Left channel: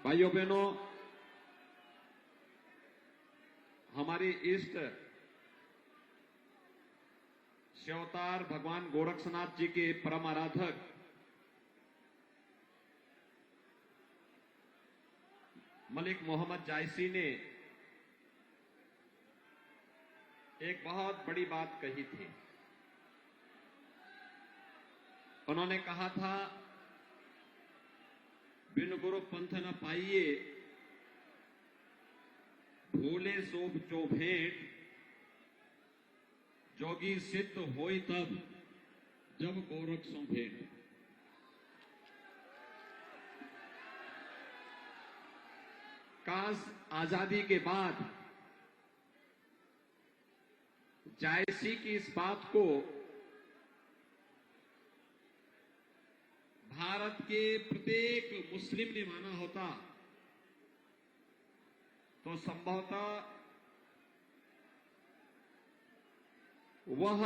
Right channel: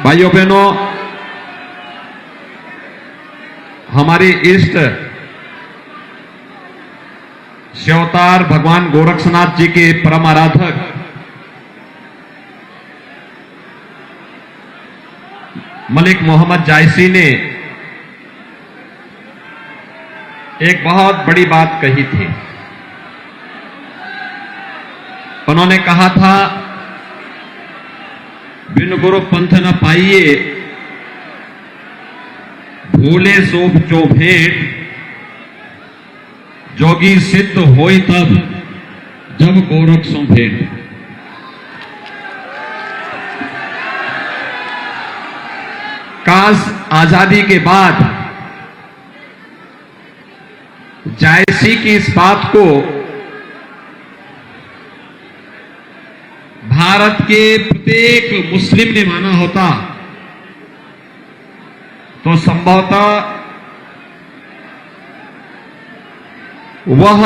भाइयों बहनों, हमारे इष्ट शिवअवतार भगवान गोरक्षनाथ जी के परम आराधक मलिक मोहम्मद जायसी ने एक बहुत बड़ी बात कही थी। उन्होंने कहा था, बिन गुरु पंथ न पाइए, भूले सोप जो भेंट, जोगी सिद्ध होई तब, जब गोरख सो भेंट। काश आजादी के बाद जायसी की इस बात को भारत के प्रत्येक मुस्लिम ने माना होता तो संभवतः वह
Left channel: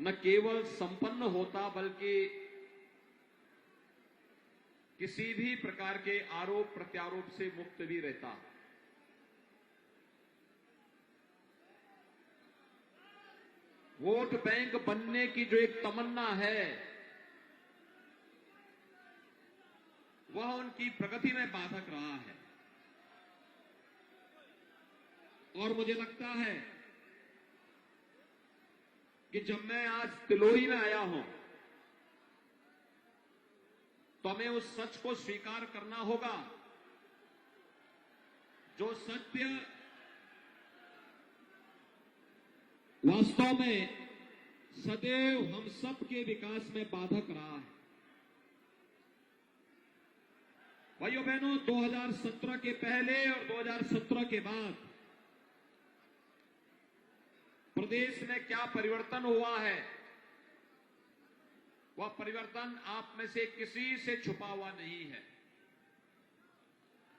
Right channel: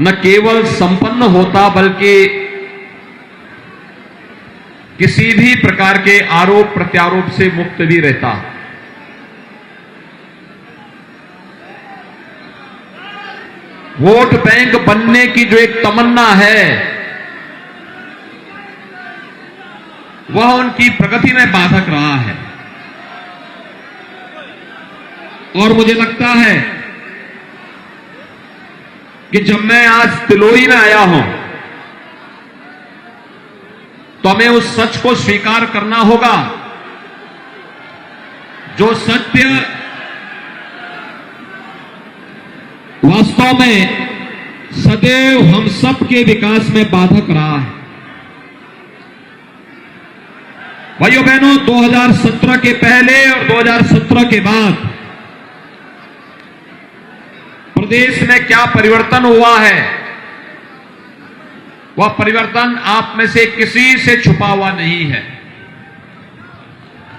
न केवल संपन्न होता बल्कि किसी भी प्रकार के आरोप प्रत्यारोप से मुक्त भी रहता। वोट बैंक बनने की जो एक तमन्ना है वह उनकी प्रगति में बाधक रहा है। और मुझे लगता है कि जब मैं आज तिलोई में आया हूं तो हमें उस सच को स्वीकार करना होगा, जो सत्य वास्तव में सदैव हम सब के विकास में बाधक रहा है। भाइयों बहनों, 2017 के पहले और 2017 के बाद प्रदेश में क्या परिवर्तन हुआ है, वह परिवर्तन आप में से किसी से छुपा हुआ नहीं है।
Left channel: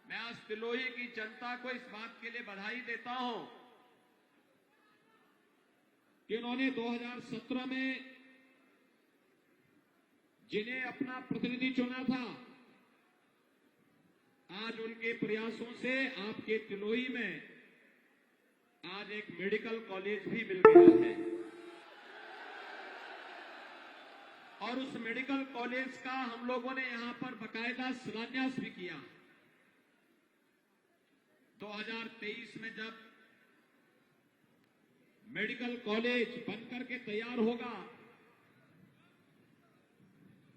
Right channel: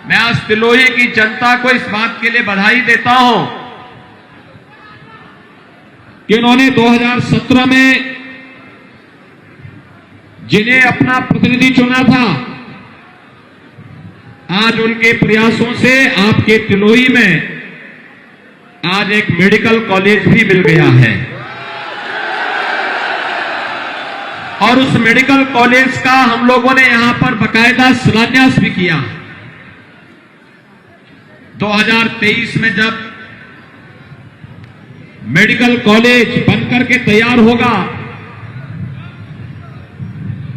मैं आज तिलोई की जनता को इस बात के लिए बधाई देता हूं कि उन्होंने 2017 में जिन्हें अपना प्रतिनिधि चुना था, आज उनके प्रयासों से आपके तिलोई में आज एक मेडिकल कॉलेज भी मिल गया है। और उस मेडिकल कॉलेज का हम लोगों ने यहां पर बकायदा शिलान्यास भी किया। 2023 में जब मेडिकल कॉलेज बनकर के तैयार होगा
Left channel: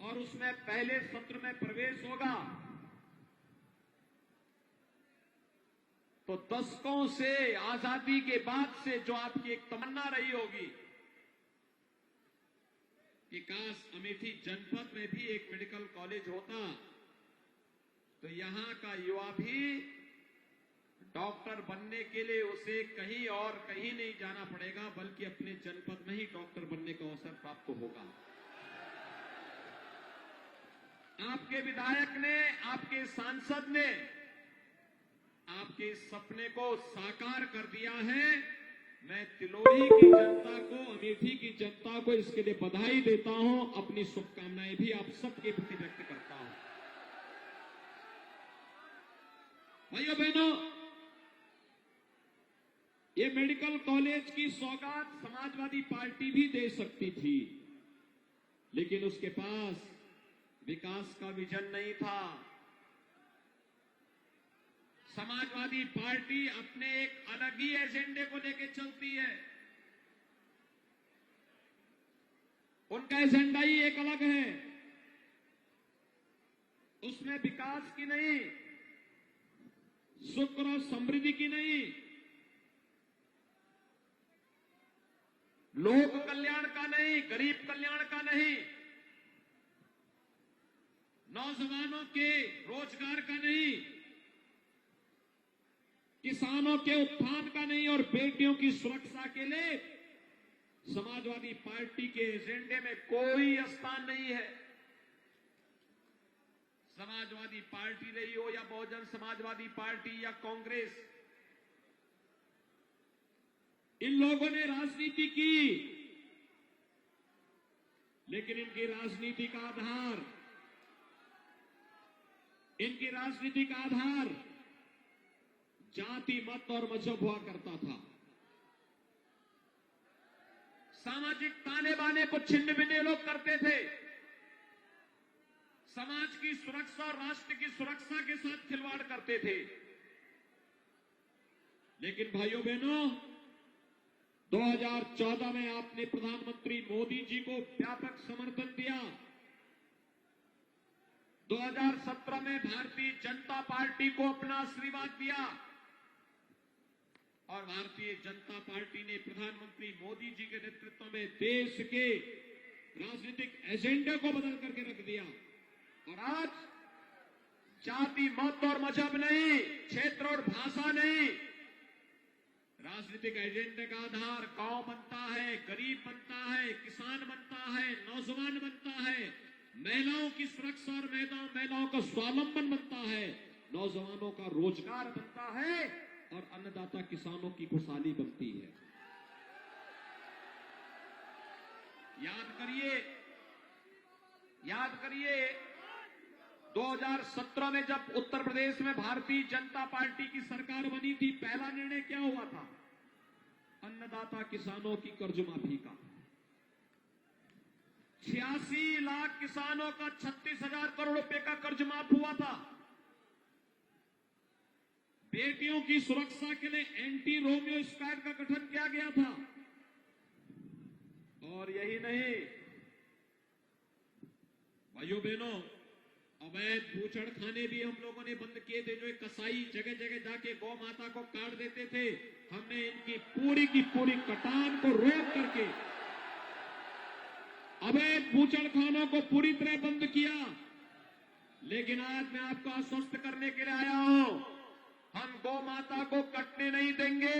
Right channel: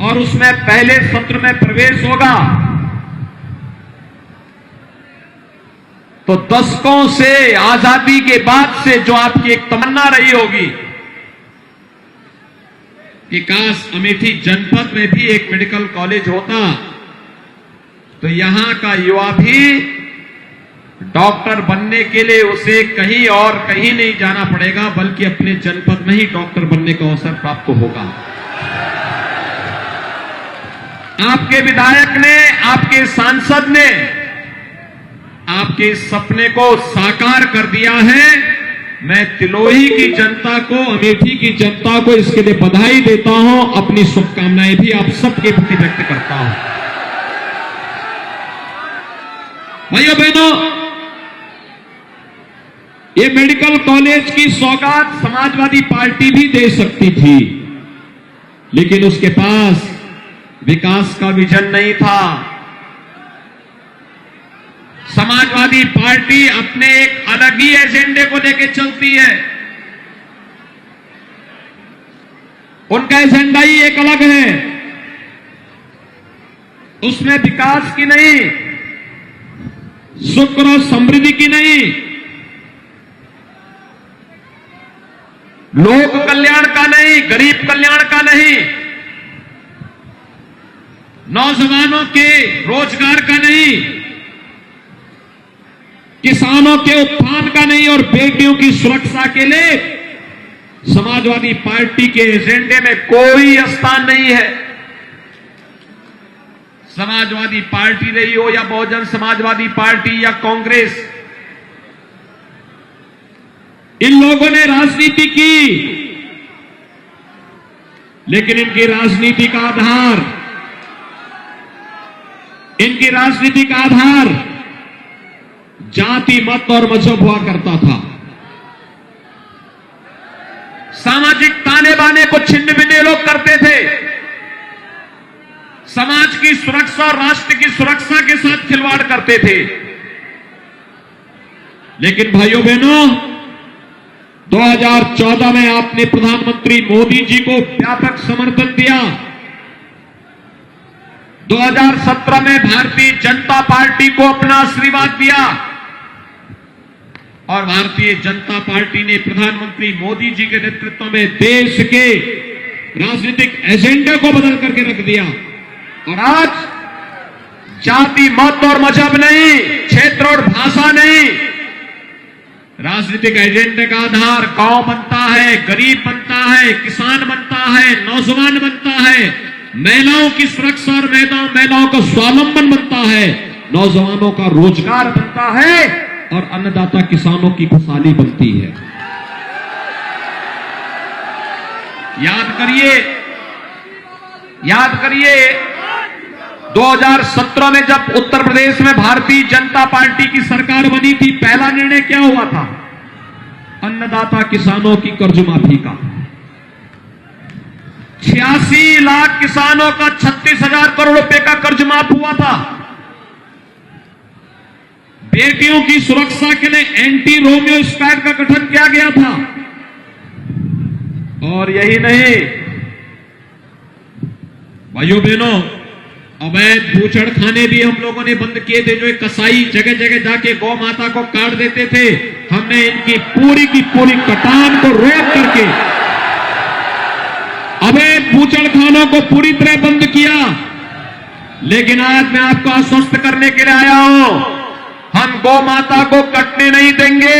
और उसमें पहले सत्र में प्रवेश होगा तो दशकों से, आजादी के बाद से जो आपकी एक तमन्ना रही होगी कि काश अमेठी जनपद में भी एक मेडिकल कॉलेज होता तो यहां का युवा भी डॉक्टर बनने के लिए उसे कहीं और कहीं नहीं जाना पड़ेगा, बल्कि अपने जनपद में ही डॉक्टर बनने का अवसर प्राप्त होगा। आपके विधायक ने, आपके सांसद ने आपके सपने को साकार कर दिया है। मैं तिलोई की जनता को, अमेठी की जनता को इसके लिए बधाई देता हूं, अपनी शुभकामनाएं भी आप सबके प्रति व्यक्त करता हूं। भाइयों बहनों, ये मेडिकल कॉलेज की सौगात समाजवादी पार्टी भी दे सकती थी, लेकिन उसके पास विकास का विजन नहीं था। समाजवादी पार्टी अपने एक अलग ही एजेंडे को लेकर चलती है। उनका एजेंडा ही एक अलग है, उसमें विकास की नहीं, सुख और समृद्धि की नहीं, लोक कल्याण का नहीं, गरीब कल्याण का नहीं, नौजवानों के रोजगार का नहीं, किसानों के उत्थान का नहीं और बेटियों की सुरक्षा के लिए समाजवादी पार्टी के एजेंडे में कोई स्थान नहीं है। समाजवादी पार्टी रही हो या बहुजन समाजवादी पार्टी या कांग्रेस, इन लोगों ने राजनीति की, लेकिन इनकी राजनीति का आधार इनकी राजनीति का आधार जाति, मत और मजहब हुआ करता था। सामाजिक ताने बाने को छिन्न भिन्न लोग करते थे। समाज की सुरक्षा और राष्ट्र की सुरक्षा के साथ खिलवाड़ करते थे। लेकिन भाइयों बहनों, 2014 में आपने प्रधानमंत्री मोदी जी को व्यापक समर्थन दिया। 2017 में भारतीय जनता पार्टी को अपना आशीर्वाद दिया और भारतीय जनता पार्टी ने प्रधानमंत्री मोदी जी के नेतृत्व में देश के राजनीतिक एजेंडे को बदल करके रख दिया। और आज जाति, मत और मजहब नहीं, क्षेत्र और भाषा नहीं, राजनीतिक एजेंडे का आधार गांव बनता है, गरीब बनता है, किसान बनता है, नौजवान बनता है, महिलाओं की सुरक्षा और महिलाओं का स्वावलंबन बनता है, नौजवानों का रोजगार बनता है और अन्नदाता किसानों की खुशहाली बनती है। याद करिए 2017 में जब उत्तर प्रदेश में भारतीय जनता पार्टी की सरकार बनी थी, पहला निर्णय क्या हुआ था? अन्नदाता किसानों की कर्ज माफी का। 86 लाख किसानों का 36,000 करोड़ रुपए का कर्ज माफ हुआ था। बेटियों की सुरक्षा के लिए एंटी रोमियो स्क्वाड का गठन किया गया था। और यही नहीं भाइयों बहनों, अवैध बूचड़खाने भी हम लोगों ने बंद किए थे। जो एक कसाई जगह जगह जाके गौ माता को काट देते थे, हमने इनकी पूरी की पूरी कटान को रोक करके अवैध बूचड़खानों को पूरी तरह बंद किया। लेकिन आज मैं आपको आश्वस्त करने के लिए आया हूं, हम गौ माता को कटने नहीं देंगे,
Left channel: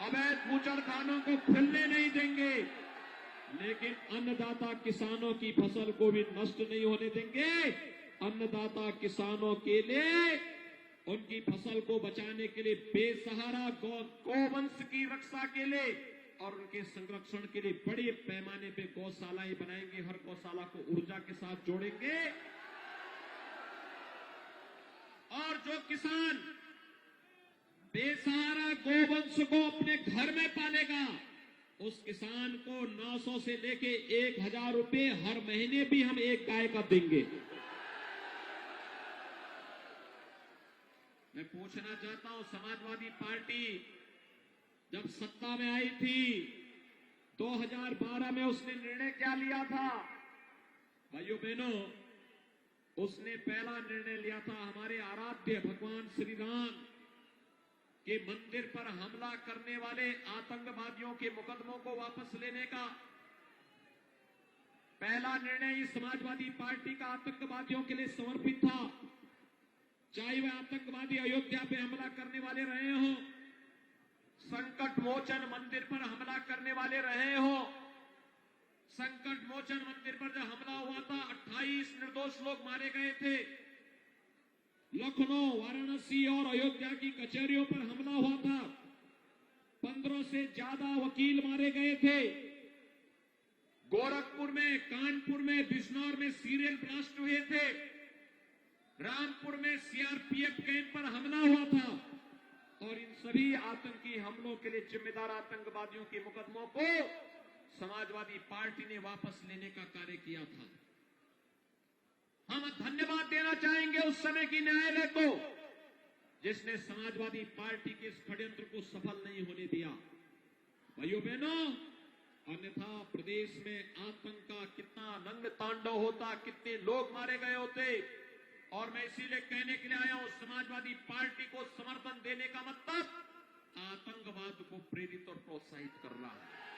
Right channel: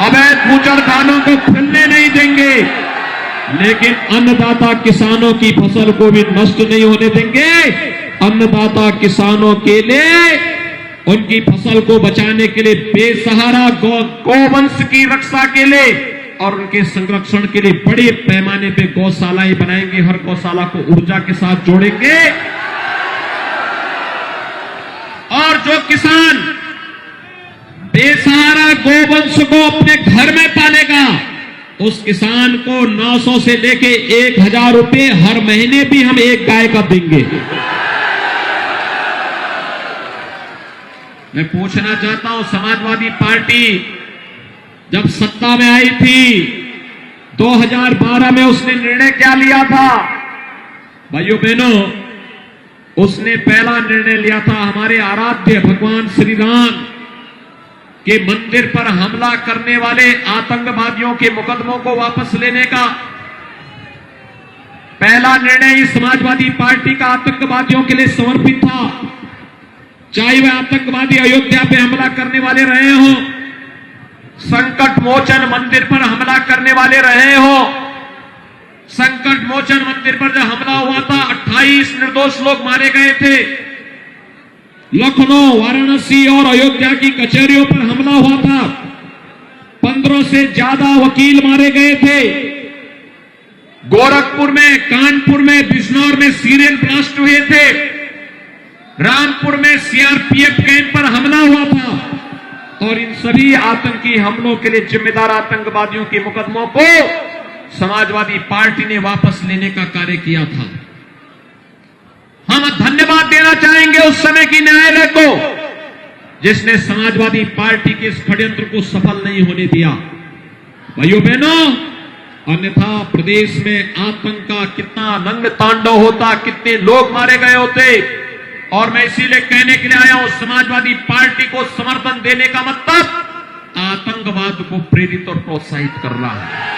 अवैध बूचड़खानों को खुलने नहीं देंगे, लेकिन अन्नदाता किसानों की फसल को भी नष्ट नहीं होने देंगे। अन्नदाता किसानों के लिए, उनकी फसल को बचाने के लिए, बेसहारा गौवंश की रक्षा के लिए और उनके संरक्षण के लिए बड़े पैमाने पे गौशालाएं बनाएंगे। हर गौशाला को ऊर्जा के साथ जोड़ेंगे और जो किसान बेसहारा गोवंश को अपने घर में पालेगा, उस किसान को 900 से लेके 1,000 रुपए हर महीने भी हम एक गाय का देंगे। मैं पूछना चाहता हूं, समाजवादी पार्टी जब सत्ता में आई थी 2012 में, उसने निर्णय क्या लिया था? भाइयों बहनों, उसने पहला निर्णय लिया था हमारे आराध्य भगवान श्री राम के मंदिर पर हमला करने वाले आतंकवादियों के मुकदमों को वापस लेने का। पहला निर्णय इस समाजवादी पार्टी का आतंकवादियों के लिए समर्पित था। चाहे वह आतंकवादी अयोध्या पे हमला करने वाले रहे हो, संकट मोचन मंदिर पर हमला करने वाले रहे हो। संकट मोचन मंदिर पर जब हमला हुआ था, 28 निर्दोष लोग मारे गए थे। लखनऊ, वाराणसी और अयोध्या की कचहरियों पर हमला हुआ था। 15 से ज्यादा वकील मारे गए थे। गोरखपुर में, कानपुर में, बिजनौर में सीरियल ब्लास्ट हुए थे। रामपुर में सीआरपीएफ कैंप पर हमला हुआ था। और इन सभी आतंकी हमलों के लिए जिम्मेदार आतंकवादियों के मुकदमों को समाजवादी पार्टी ने वापस लेने का कार्य किया था। हम धन्यवाद देना चाहेंगे उस समय की न्यायालय को, जिसने समाजवादी पार्टी के इस षड्यंत्र को सफल नहीं होने दिया। भाइयों बहनों, अन्यथा प्रदेश में आतंक का कितना रंग तांडव होता, कितने लोग मारे गए होते। और मैं इसीलिए कहने के लिए आया हूं, समाजवादी पार्टी को समर्थन देने का मतलब आतंकवाद को प्रेरित और प्रोत्साहित करना है।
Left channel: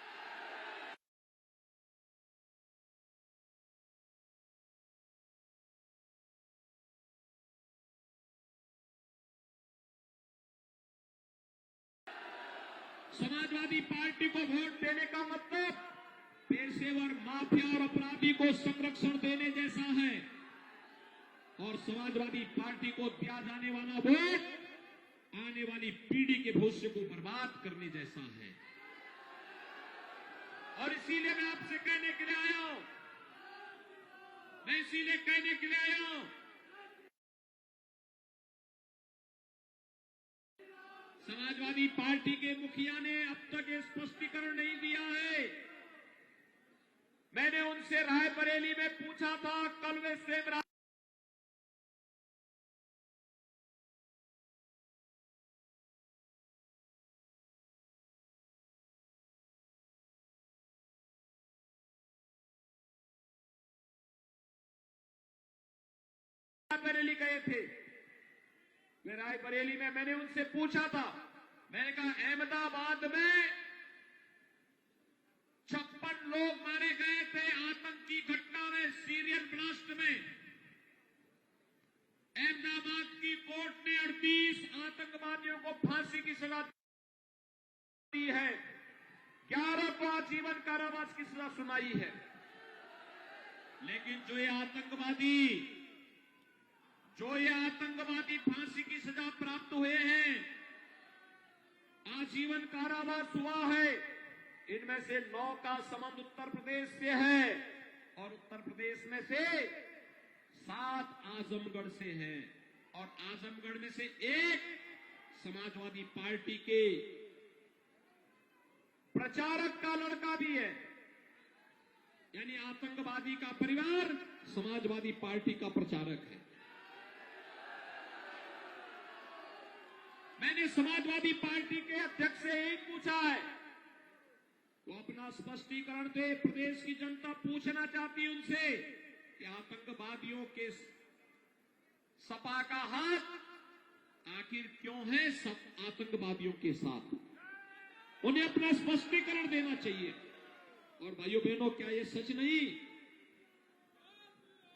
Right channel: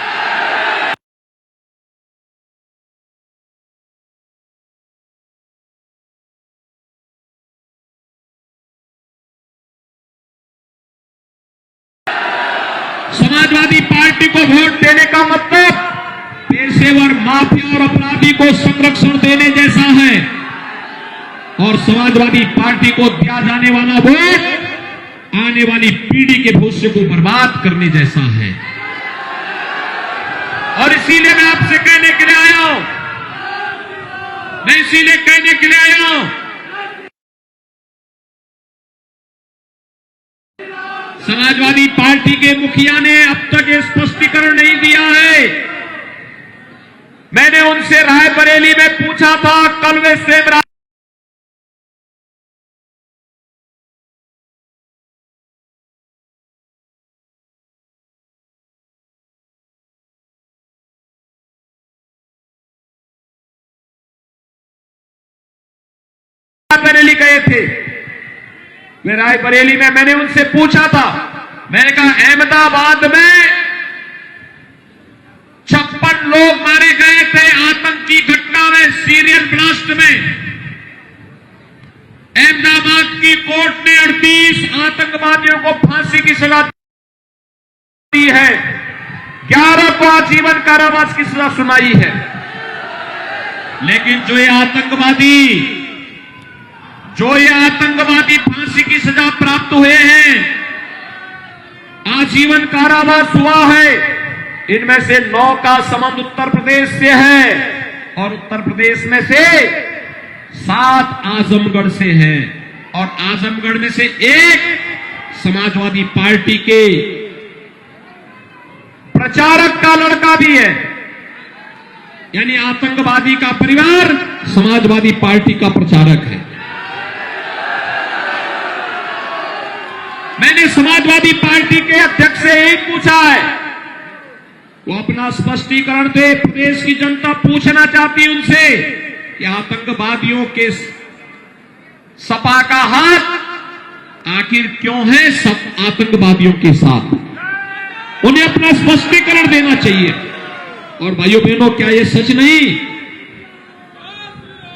समाजवादी पार्टी को वोट देने का मतलब पेशेवर माफिया और अपराधी को संरक्षण देने जैसा है। और समाजवादी पार्टी को दिया जाने वाला वोट आने वाली पीढ़ी के भविष्य को बर्बाद करने जैसा है। और इसीलिए मैं आपसे कहने के लिए आया हूं, समाजवादी पार्टी के मुखिया ने अब तक ये स्पष्टीकरण नहीं दिया है। मैंने उनसे रायबरेली में पूछा था, कल वे सेम रायबरेली गए थे। वे रायबरेली में मैंने उनसे पूछा था, मैंने कहा अहमदाबाद में 56 लोग मारे गए थे आतंकी घटना में, सीरियल ब्लास्ट में। अहमदाबाद की कोर्ट ने 38 आतंकवादियों को फांसी की सजा दी है, 11 को आजीवन कारावास की सजा सुनाई है। लेकिन जो ये आतंकवादी फांसी की सजा प्राप्त हुए हैं, आजीवन कारावास हुआ है, इनमें से 9 का संबंध उत्तर प्रदेश से है और उत्तर प्रदेश में से 7 आजमगढ़ से है और आजमगढ़ में से 1 समाजवादी पार्टी के प्रचारक का लड़का भी है। यानी आतंकवादी का परिवार समाजवादी पार्टी का प्रचारक है। मैंने समाजवादी पार्टी के अध्यक्ष से यही पूछा है, वो अपना स्पष्टीकरण दे। प्रदेश की जनता पूछना चाहती उनसे कि आतंकवादियों के सपा का हाथ आखिर क्यों है सब आतंकवादियों के साथ, उन्हें अपना स्पष्टीकरण देना चाहिए। और भाइयों बहनों, क्या यह सच नहीं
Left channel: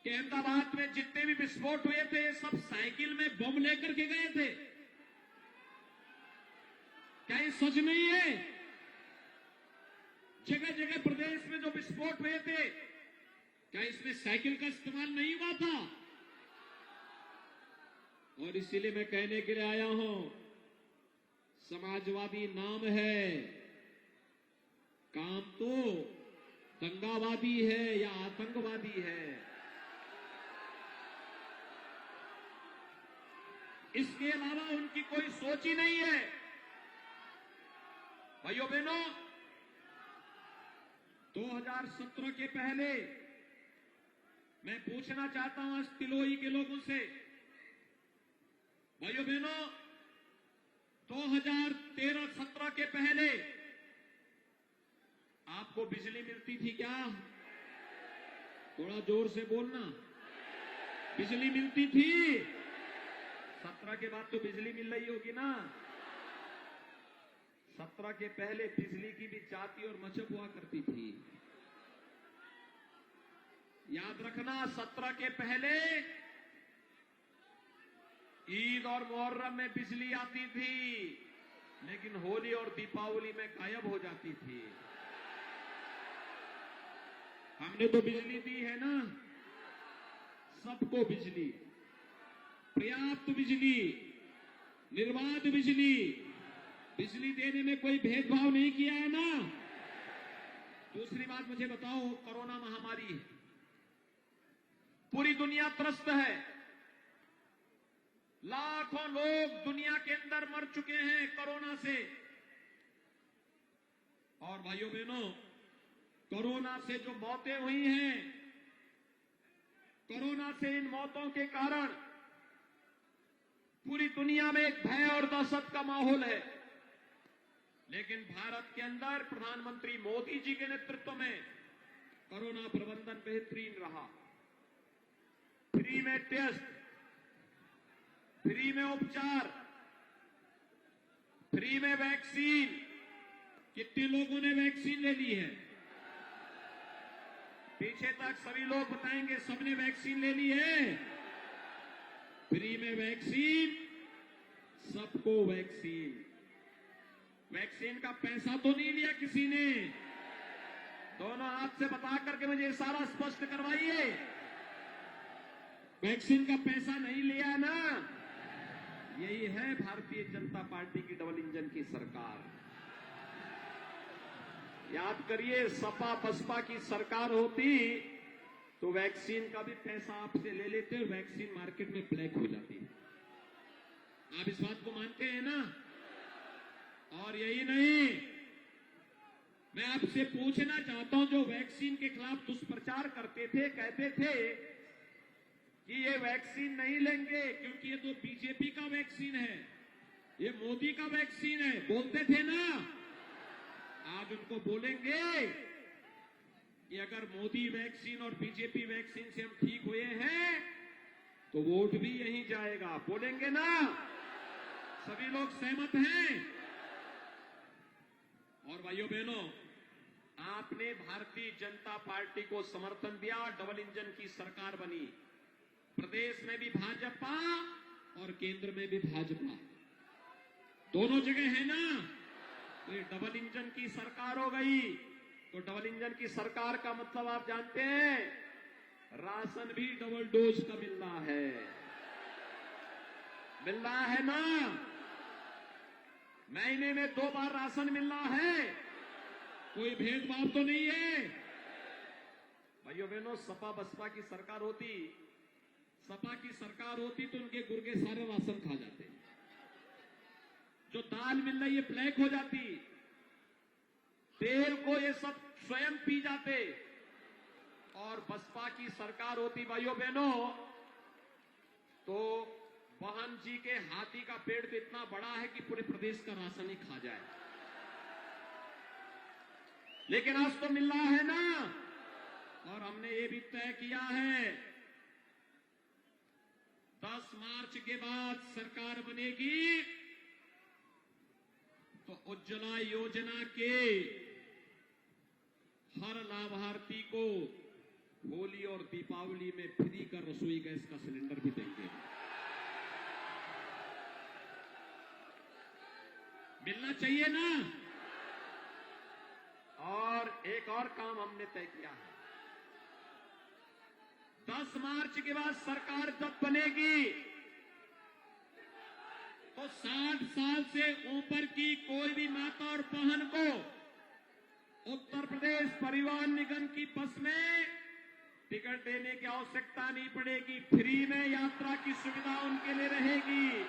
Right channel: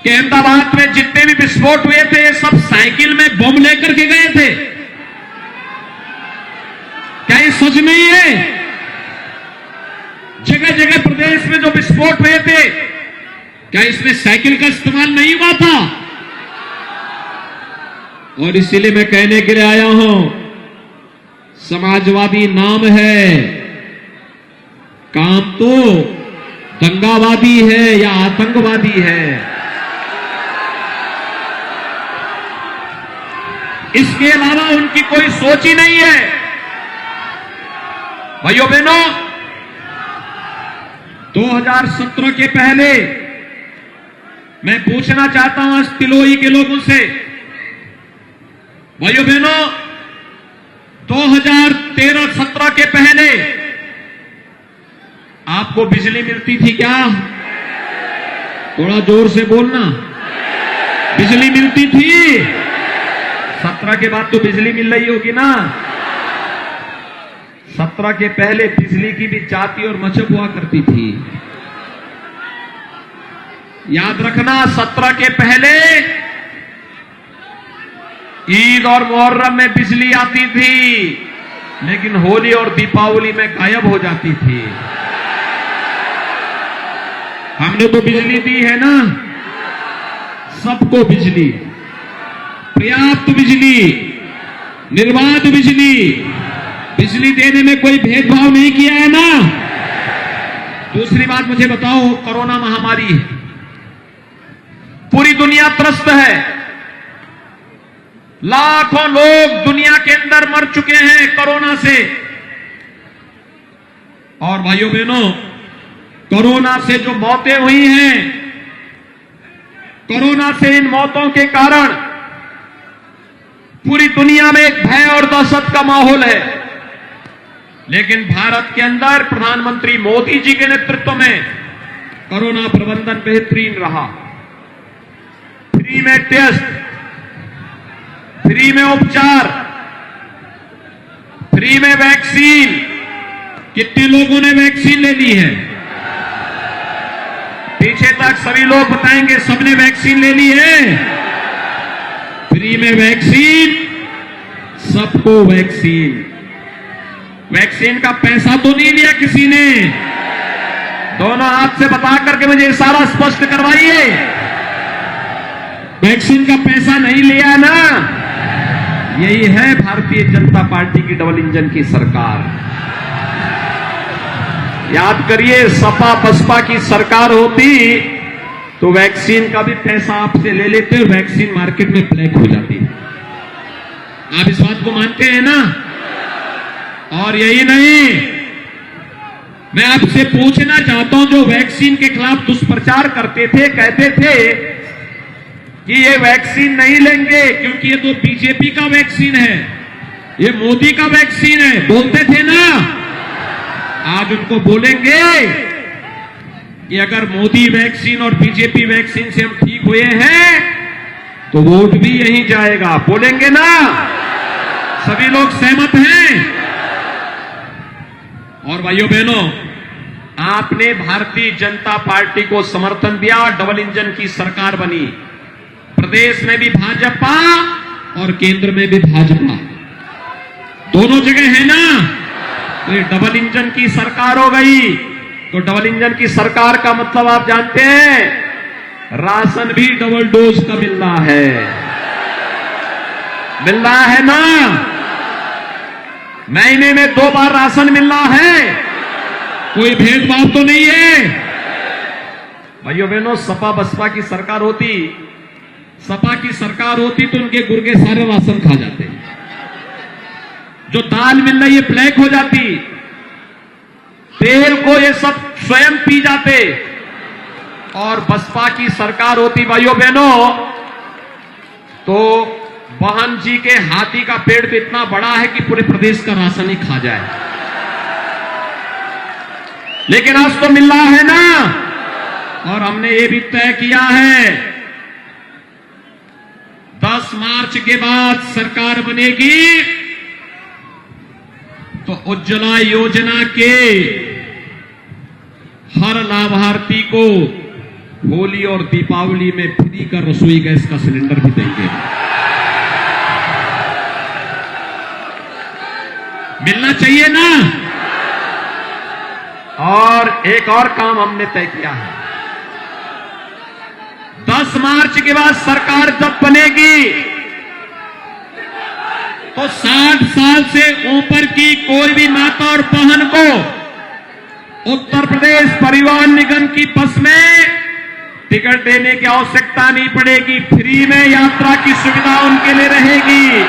कि अहमदाबाद में जितने भी विस्फोट हुए थे, ये सब साइकिल में बम लेकर के गए थे? क्या ये सच नहीं है? जगह जगह प्रदेश में जो विस्फोट हुए थे, क्या इसमें साइकिल का इस्तेमाल नहीं हुआ था? और इसीलिए मैं कहने के लिए आया हूं, समाजवादी नाम है, काम तो दंगावादी है या आतंकवादी है। इसके अलावा उनकी कोई सोच ही नहीं है। भाइयों बहनों, 2017 के पहले मैं पूछना चाहता हूं आज तिलोई के लोगों से, भाइयों बहनों, 2013-17 के पहले आपको बिजली मिलती थी क्या? थोड़ा जोर से बोलना। बिजली मिलती थी? 17 के बाद तो बिजली मिल रही होगी ना। 17 के पहले बिजली की भी जाति और मचक हुआ करती थी। याद रखना, 17 के पहले ईद और मुहर्रम में बिजली आती थी, लेकिन होली और दीपावली में गायब हो जाती थी। हमने तो बिजली दी है ना, सबको बिजली, पर्याप्त बिजली, निर्बाध बिजली, बिजली देने में कोई भेदभाव नहीं किया है ना। दूसरी बात मुझे बताओ, कोरोना महामारी है, पूरी दुनिया त्रस्त है, लाखों लोग दुनिया के अंदर मर चुके हैं कोरोना से। और भाइयों बहनों, कोरोना से जो मौतें हुई हैं, कोरोना से इन मौतों के कारण पूरी दुनिया में एक भय और दहशत का माहौल है। लेकिन भारत के अंदर प्रधानमंत्री मोदी जी के नेतृत्व में कोरोना प्रबंधन बेहतरीन रहा। फ्री में टेस्ट, फ्री में उपचार, फ्री में वैक्सीन। कितने लोगों ने वैक्सीन ले ली है? पीछे तक सभी लोग बताएंगे सबने वैक्सीन ले ली है। फ्री में वैक्सीन, सबको वैक्सीन। वैक्सीन का पैसा तो नहीं लिया किसी ने? दोनों हाथ से बता करके मुझे इशारा स्पष्ट करवाइए। वैक्सीन का पैसा नहीं लिया ना? यही है भारतीय जनता पार्टी की डबल इंजन की सरकार। याद करिए, सपा बसपा की सरकार होती तो वैक्सीन का भी पैसा आपसे ले लेते और वैक्सीन मार्केट में ब्लैक हो जाती। आप इस बात को मानते हैं ना? और यही नहीं, मैं आपसे पूछना चाहता हूं, जो वैक्सीन के खिलाफ दुष्प्रचार करते थे, कहते थे कि ये वैक्सीन नहीं लेंगे क्योंकि ये तो बीजेपी का वैक्सीन है, ये मोदी का वैक्सीन है, बोलते थे ना। आज उनको बोलेंगे कि अगर मोदी वैक्सीन और बीजेपी वैक्सीन से हम ठीक हुए हैं तो वोट भी यहीं जाएगा, बोलेंगे ना। सभी लोग सहमत हैं। और भाइयों बहनों, आपने भारतीय जनता पार्टी को समर्थन दिया, डबल इंजन की सरकार बनी, प्रदेश में भी भाजपा और केंद्र में भी भाजपा, दोनों जगह है ना। तो ये डबल इंजन की सरकार हो गई। तो डबल इंजन की सरकार का मतलब आप जानते हैं, राशन भी डबल डोज का मिल रहा है ना। महीने में 2 बार राशन मिल रहा है, कोई भेदभाव तो नहीं है। भाइयों बहनों, सपा बसपा की सरकार होती, सपा की सरकार होती तो उनके गुर्गे सारे राशन खा जाते, जो दाल मिल रही है ब्लैक हो जाती, तेल को ये सब स्वयं पी जाते। और बसपा की सरकार होती भाइयों बहनों, तो वाहन जी के हाथी का पेड़ तो इतना बड़ा है कि पूरे प्रदेश का राशन ही खा जाए। लेकिन आज तो मिल रहा है ना। और हमने ये भी तय किया है, 10 मार्च के बाद सरकार बनेगी तो उज्ज्वला योजना के हर लाभार्थी को होली और दीपावली में फ्री का रसोई गैस का सिलेंडर भी देंगे। मिलना चाहिए ना। और एक और काम हमने तय किया है, 10 मार्च के बाद सरकार जब बनेगी तो 60 साल से ऊपर की कोई भी माता और बहन को उत्तर प्रदेश परिवहन निगम की बस में टिकट देने की आवश्यकता नहीं पड़ेगी, फ्री में यात्रा की सुविधा उनके लिए रहेगी।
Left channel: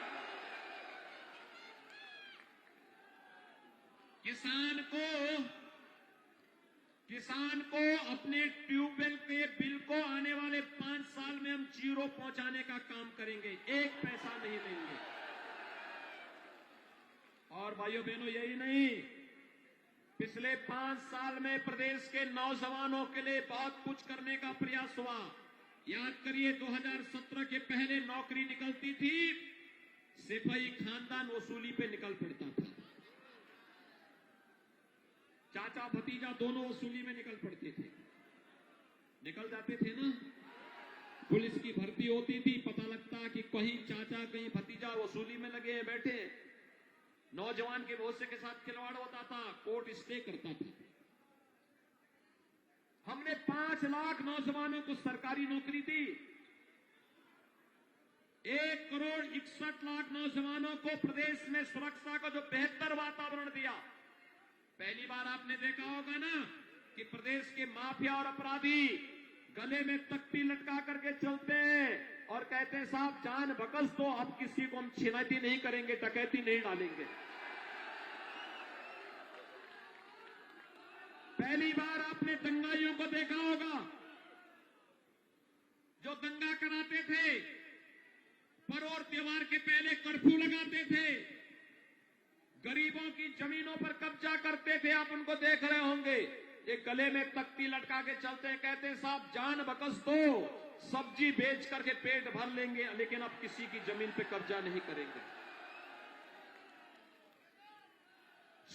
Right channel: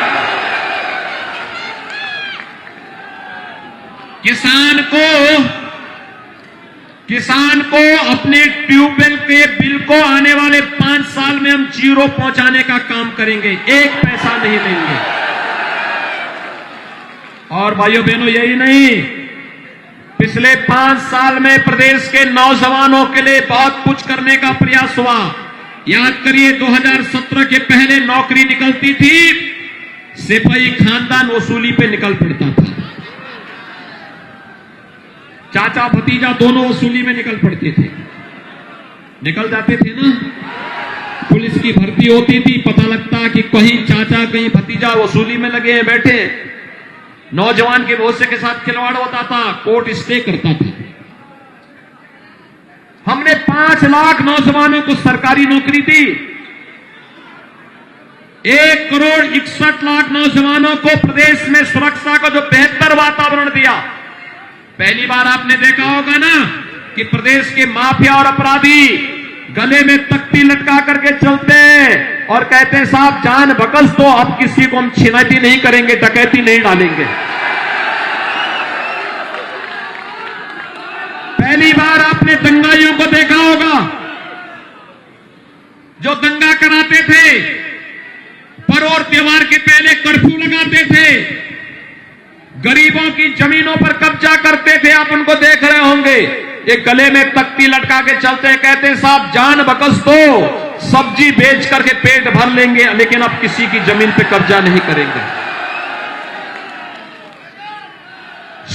किसान को अपने ट्यूबवेल के बिल को आने वाले 5 साल में हम 0 पहुंचाने का काम करेंगे, 1 पैसा नहीं देंगे। और भाइयों बहनों, यही नहीं, पिछले 5 साल में प्रदेश के नौजवानों के लिए बहुत कुछ करने का प्रयास हुआ। याद करिए, 2017 के पहले नौकरी निकलती थी, सिपाही खानदान वसूली पे निकल पड़ता था, चाचा भतीजा दोनों वसूली में निकल पड़ते थे, निकल जाते थे ना। पुलिस की भर्ती होती थी, पता लगता कि कहीं चाचा कहीं भतीजा वसूली में लगे हैं बैठे, नौजवान के भरोसे के साथ खिलवाड़ होता था, कोर्ट स्टे करता था। हमने 5 लाख नौजवानों को सरकारी नौकरी दी, 1 करोड़ 61 लाख नौजवानों को प्रदेश में सुरक्षा का जो बेहतर वातावरण दिया। पहली बार आपने देखा होगा ना कि प्रदेश के माफिया और अपराधी गले में तख्ती लटका करके चलते हैं और कहते हैं साहब जान बकस तो अब किसी को हम छिनैती नहीं करेंगे, डकैती नहीं डालेंगे। पहली बार आपने दंगाइयों को देखा होगा जो दंगा कराते थे, पर और त्योहार के पहले कर्फ्यू लगाते थे, गरीबों की जमीनों पर कब्जा करते थे। आप उनको देख रहे होंगे, ये गले में तख्ती लटका के चलते हैं, कहते हैं साहब जान बकस दो, सब्जी बेच करके पेट भर लेंगे, लेकिन अब किसी की जमीन पे कब्जा नहीं करेंगे।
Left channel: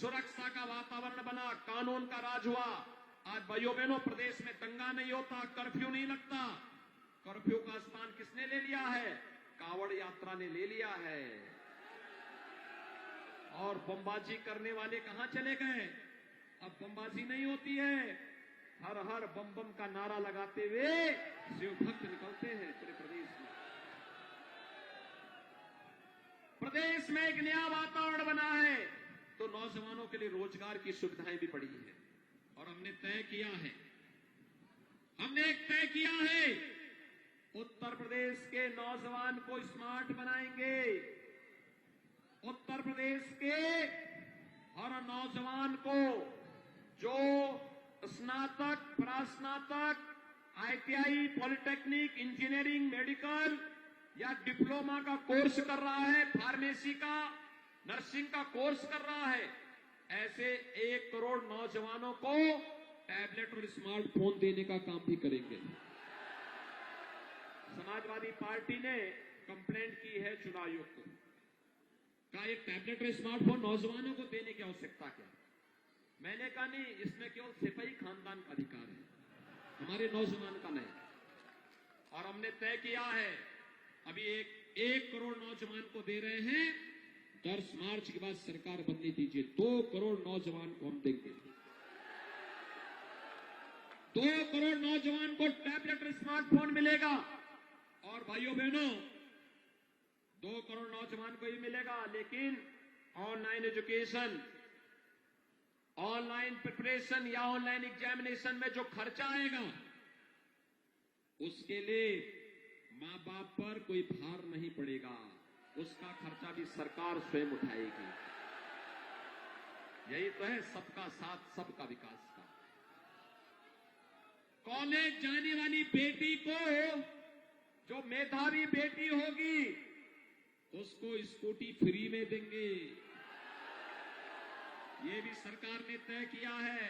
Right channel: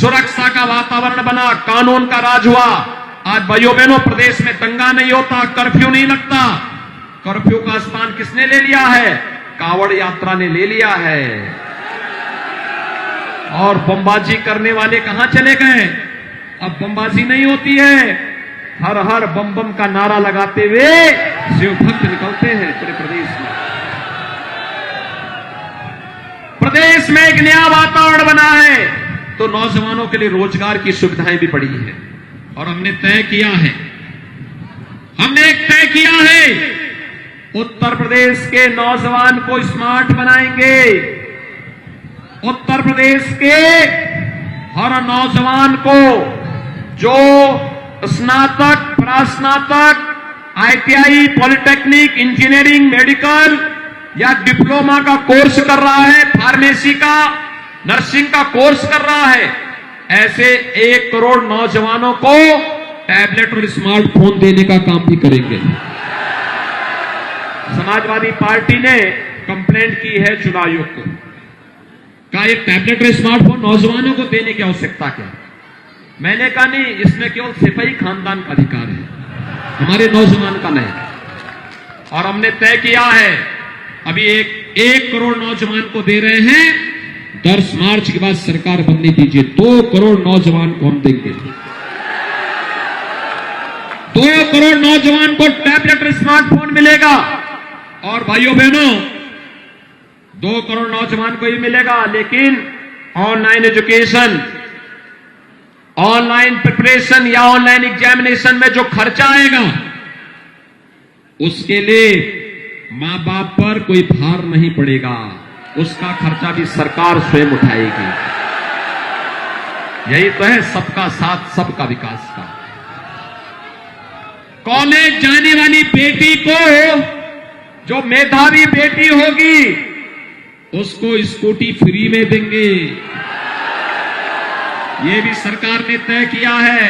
सुरक्षा का वातावरण बना, कानून का राज हुआ। आज भाइयों बहनों, प्रदेश में दंगा नहीं होता, कर्फ्यू नहीं लगता। कर्फ्यू का स्थान किसने ले लिया है? कांवड़ यात्रा ने ले लिया है। और बमबाजी करने वाले कहां चले गए? अब बमबाजी नहीं होती है, हर हर बम बम का नारा लगाते हुए शिव भक्त निकलते हैं पूरे प्रदेश में। प्रदेश में एक नया वातावरण बना है, तो नौजवानों के लिए रोजगार की सुविधाएं भी बढ़ी है। और हमने तय किया है, उत्तर प्रदेश के नौजवान को स्मार्ट बनाएंगे, उत्तर प्रदेश के हर नौजवान को जो स्नातक, परास्नातक, ITI, पॉलिटेक्निक, इंजीनियरिंग, मेडिकल या डिप्लोमा का कोर्स कर रहा है, फार्मेसी का, नर्सिंग का कोर्स कर रहा है, ऐसे 1 करोड़ नौजवानों को टैबलेट और स्मार्टफोन देने का काम भी करेंगे। समाजवादी पार्टी ने कंप्लेंट की है चुनाव आयोग को, कहा एक टैबलेट और स्मार्टफोन नौजवानों को देने की आवश्यकता क्या? मैंने कहा नहीं, इसमें केवल सिपाही खानदान का अधिकार है, हमारे नौजवान का नहीं। और हमने तय किया है अभी 1 करोड़ नौजवान को दे रहे हैं, 10 मार्च के बाद सरकार बनने दीजिए, 2 करोड़ नौजवान को हम देंगे। 2 करोड़ नौजवान को टैबलेट और स्मार्टफोन मिलेगा। और भाइयों बहनों, 2 करोड़ नौजवान को ही मिलेगा, लेकिन ऑनलाइन एजुकेशन, ऑनलाइन प्रिपरेशन या ऑनलाइन एग्जामिनेशन में जो खर्चा आएगा, उसके लिए मां बाप पर कोई भार नहीं पड़ेगा, उसका खर्चा भी सरकार स्वयं उठाएगी। यही तो है सबका साथ सबका विकास का। कॉलेज जाने वाली बेटी को, जो मेधावी बेटी होगी, उसको स्कूटी फ्री में देंगे, ये भी सरकार ने तय किया है।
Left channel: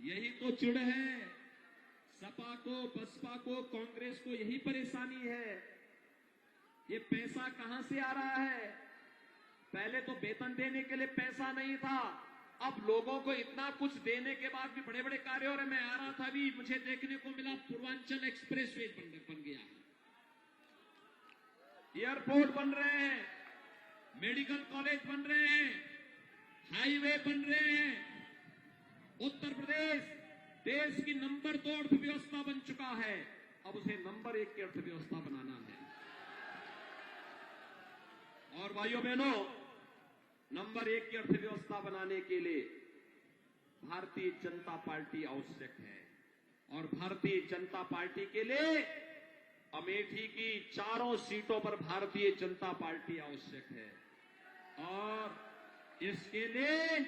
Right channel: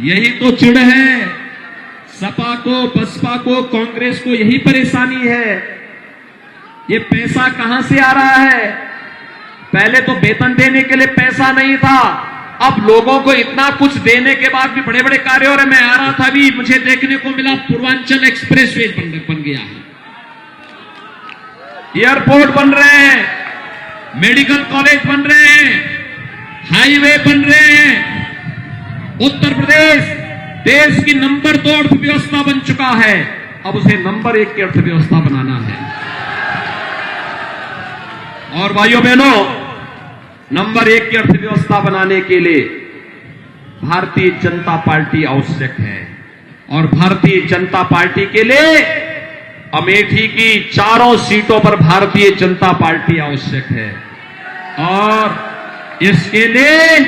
यही तो चिढ़ है सपा को, बसपा को, कांग्रेस को, यही परेशानी है। ये पैसा कहां से आ रहा है? पहले तो वेतन देने के लिए पैसा नहीं था, अब लोगों को इतना कुछ देने के बाद भी बड़े बड़े कार्य हो रहे। मैं आ रहा था अभी, मुझे देखने को मिला पूर्वांचल एक्सप्रेसवे बन गया है, एयरपोर्ट बन रहे हैं, मेडिकल कॉलेज बन रहे हैं, हाईवे बन रहे हैं। उत्तर प्रदेश देश की नंबर 2 अर्थव्यवस्था बन चुका है, अब उसे नंबर 1 की अर्थव्यवस्था बनाना है। और भाइयों बहनों, नंबर 1 की अर्थव्यवस्था बनाने के लिए भारतीय जनता पार्टी आवश्यक है। और भारतीय जनता पार्टी के लिए अमेठी की 4 सीटों पर भारतीय जनता पार्टी आवश्यक है। और इसके लिए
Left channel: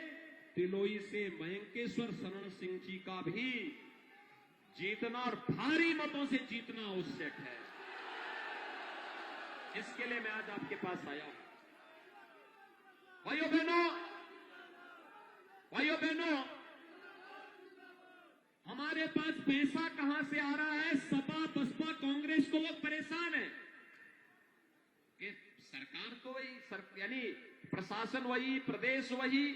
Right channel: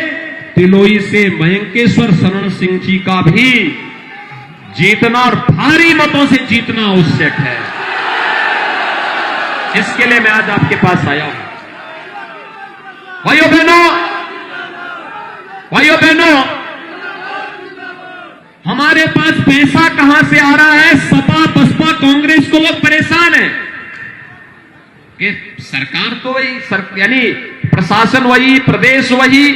तिलोई से मयंकेश्वर शरण सिंह जी का भी जीतना और भारी मतों से जीतना आवश्यक है। इसके लिए मैं आज आपके पास आया हूं। भाइयों बहनों, हमारे पास पैसा कहां से आ रहा है? सपा, बसपा, कांग्रेस को लोग परेशान हैं कि सरकार तो वही, यानी प्रशासन वही, प्रदेश वही,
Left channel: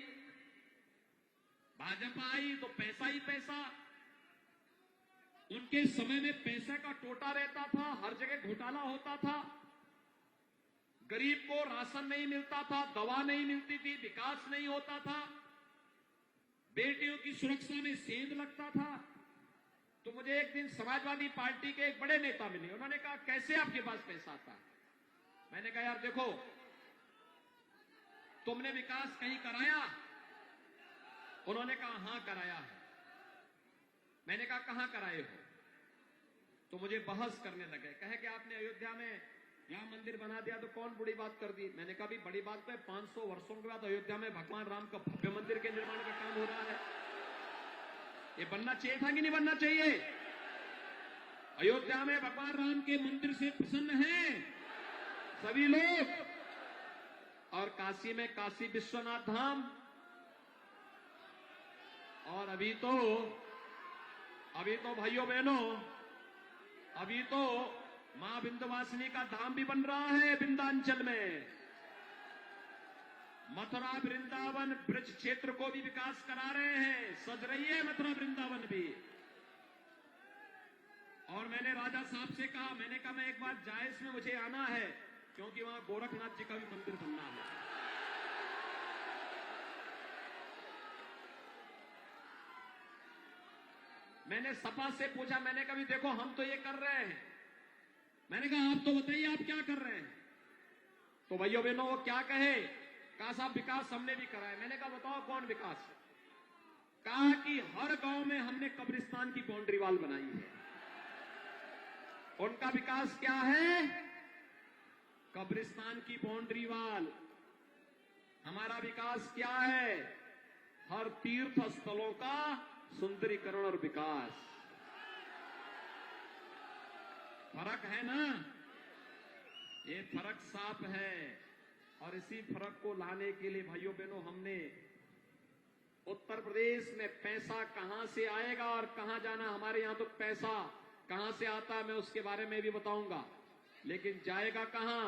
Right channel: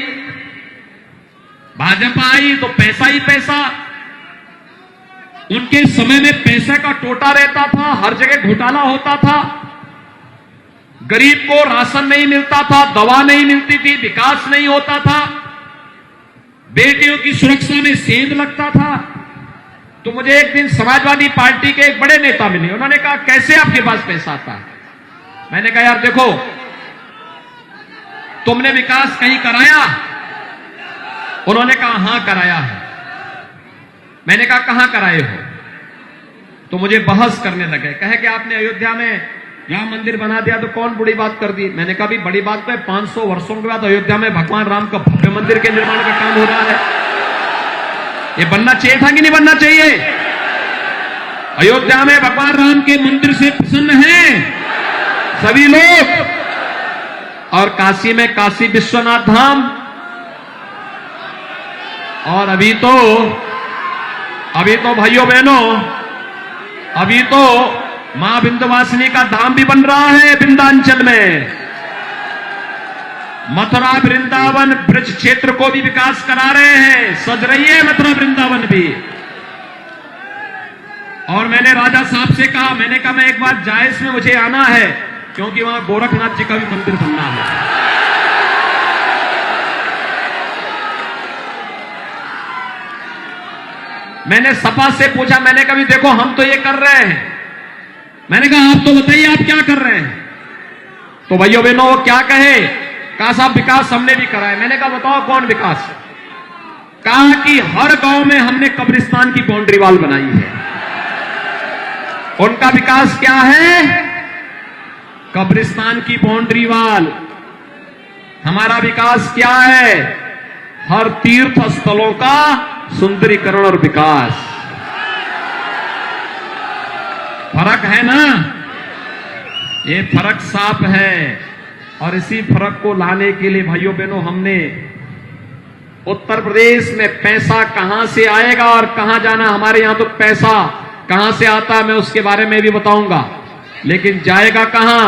भाजपा आई तो पैसा ही पैसा। उनके समय में पैसे का टोटा रहता था, हर जगह घोटाला होता था, गरीब को राशन नहीं मिलता था, दवा नहीं मिलती थी, विकास नहीं होता था, बेटियों की सुरक्षा में सेंध लगता था। तो मुझे एक दिन समाजवादी पार्टी के एक बड़े नेता मिले, उन्होंने कहा कैसे आपके पास पैसा आता है? मैंने कहा यार देखो, तुमने विकास कहीं कराया? उन्होंने कहा हां कराया है। मैंने कहा कहां कराए हो? तो मुझे बहस करने लगे, कहे कि आपने अयोध्या में राम मंदिर बना दिया तो कौन बड़ी बात कर दी। मैंने कहा भी बड़ी बात तो है, 500 वर्षों के बाद अयोध्या में भगवान राम का भव्य मंदिर के निर्माण का काम हो रहा है। ये बनना चाहिए था कि नहीं बनना चाहिए? अयोध्या में भगवान राम के मंदिर से प्रसन्न हैं सभी लोग, और काशी में काशी विश्वनाथ धाम, और अभी तो भाइयों बहनों, अभी तो मां विंध्यवासिनी का धाम भी बन रहा है विंध्याचल में। मथुरा वृंदावन ब्रज क्षेत्र को भी विकास करा रहे हैं, सज रही है मथुरा वृंदावन भी। और मैंने राजा साहब से कहा, मैंने कहा मैं एक बार जायस में मुझे आना है, क्योंकि वहां गोरखनाथ जी का भी मंदिर बनना है। मैंने सपा से पूछा, मैंने कहा भी देखो हम तो ये कर रहे हैं, मैंने कहा आप तो बताइए आप क्या कर रहे हैं? तो भाइयों बहनों वो क्या कहे, कहा साहब विकास हमने भी कराया। मैंने कहा बताओ कौन विकास? कहा कि हर गांव में हमने कब्रिस्तान की बाउंड्री वॉल बनाई है। उनका विकास क्या है? कब्रिस्तान की बाउंड्री वॉल। हमारा विकास क्या है? हर तीर्थ स्थलों का सुंदरीकरण और विकास। फर्क है ना? ये फर्क साफ है। और इसी फर्क को लाने के लिए भाइयों बहनों, हमने उत्तर प्रदेश में पैसा कहां से आएगा और कहां जाना, हमारे यहां तो पैसा कहां से आता है मैं उसके बारे में भी बताऊंगा, लेकिन जाएगा कहां?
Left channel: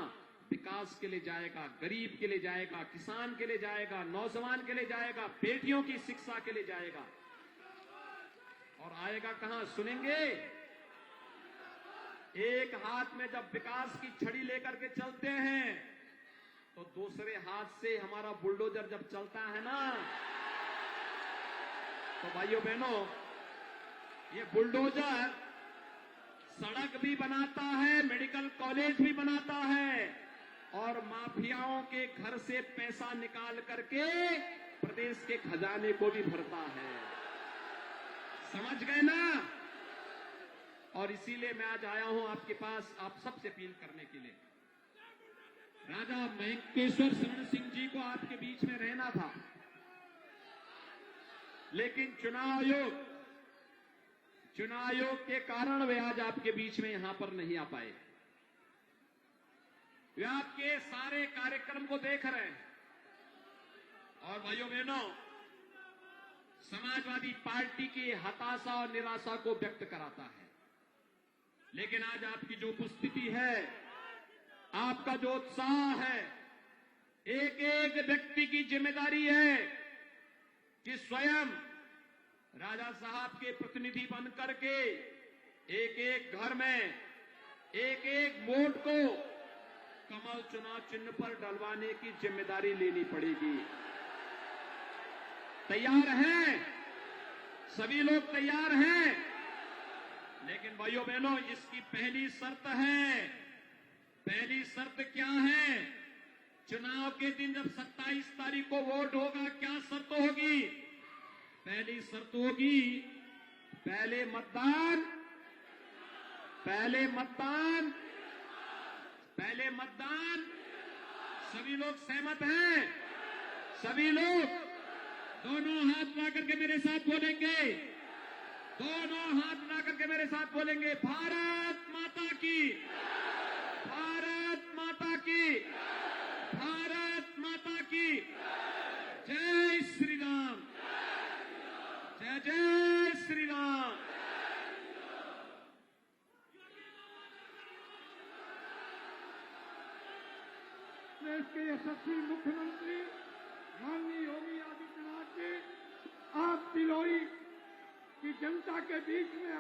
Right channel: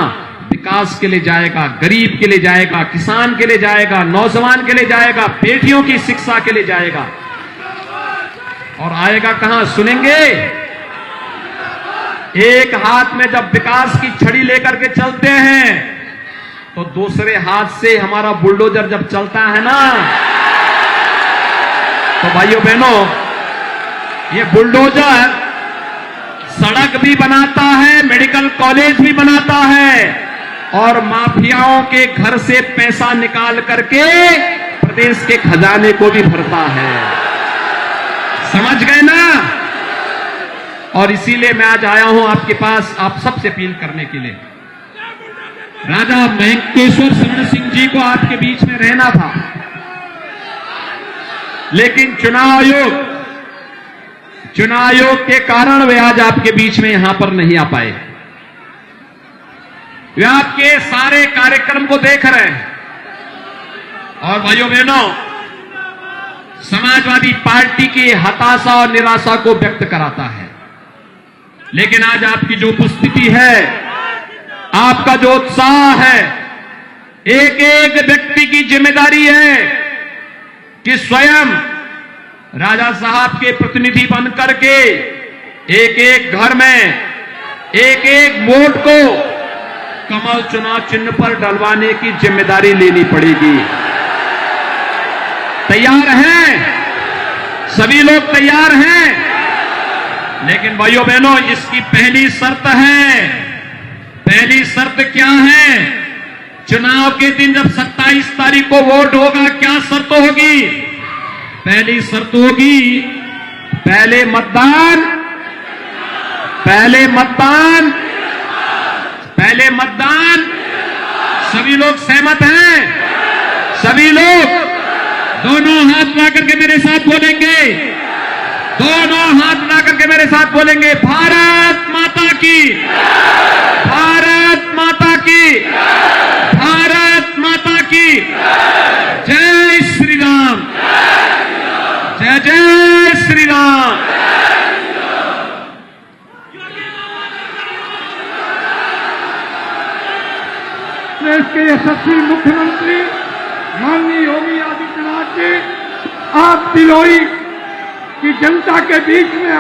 विकास के लिए जाएगा, गरीब के लिए जाएगा, किसान के लिए जाएगा, नौजवान के लिए जाएगा, बेटियों की शिक्षा के लिए जाएगा। और आएगा कहां? सुनेंगे? एक हाथ में जब विकास की छड़ी लेकर के चलते हैं तो दूसरे हाथ से हमारा बुलडोजर जब चलता है ना, तो भाइयों बहनों, ये बुलडोजर सड़क भी बनाता है, मेडिकल कॉलेज भी बनाता है और माफियाओं के घर से पैसा निकाल करके प्रदेश के खजाने को भी भरता है। समझ गए ना? और इसीलिए मैं आज आया हूं आपके पास आप सबसे अपील करने के लिए। राजा महेंकेश्वर शरण सिंह जी को आपके बीच में रहना था, लेकिन चुनाव आयोग के कारण वे आज आपके बीच में यहां पर नहीं आ पाए। वे आपके सारे कार्यक्रम को देख रहे हैं। और भाइयों बहनों, समाजवादी पार्टी की हताशा और निराशा को व्यक्त कराता है, लेकिन आज आपकी जो उपस्थिति है, आपका जो उत्साह है, एक एक व्यक्ति की जिम्मेदारी है कि स्वयं राजा साहब के प्रतिनिधि बन करके एक एक घर में एक एक वोट को कमल चुनाव चिन्ह पर डलवाने की जिम्मेदारी लेनी पड़ेगी। तैयार हैं? सभी लोग तैयार हैं? लेकिन भाइयों बहनों, इसकी पहली शर्त है। पहली शर्त क्या है? चुनाव के दिन जब 27 तारीख को वोट होगा, क्या शर्त होगी? पहली शर्त होगी, पहले मतदान, पहले मतदान, पहले मतदान। सभी लोग सहमत हैं? सभी लोग दोनों हाथ मिला करके मेरे साथ बोलेंगे, दोनों हाथ मिला करके मेरे साथ बोलेंगे, भारत माता की, भारत माता की, भारत माता की, जय श्री राम, जय जय श्री राम। प्रदेश के यशस्वी मुख्यमंत्री माननीय योगी आदित्यनाथ जी, आप तिलोई की जनता के बीच में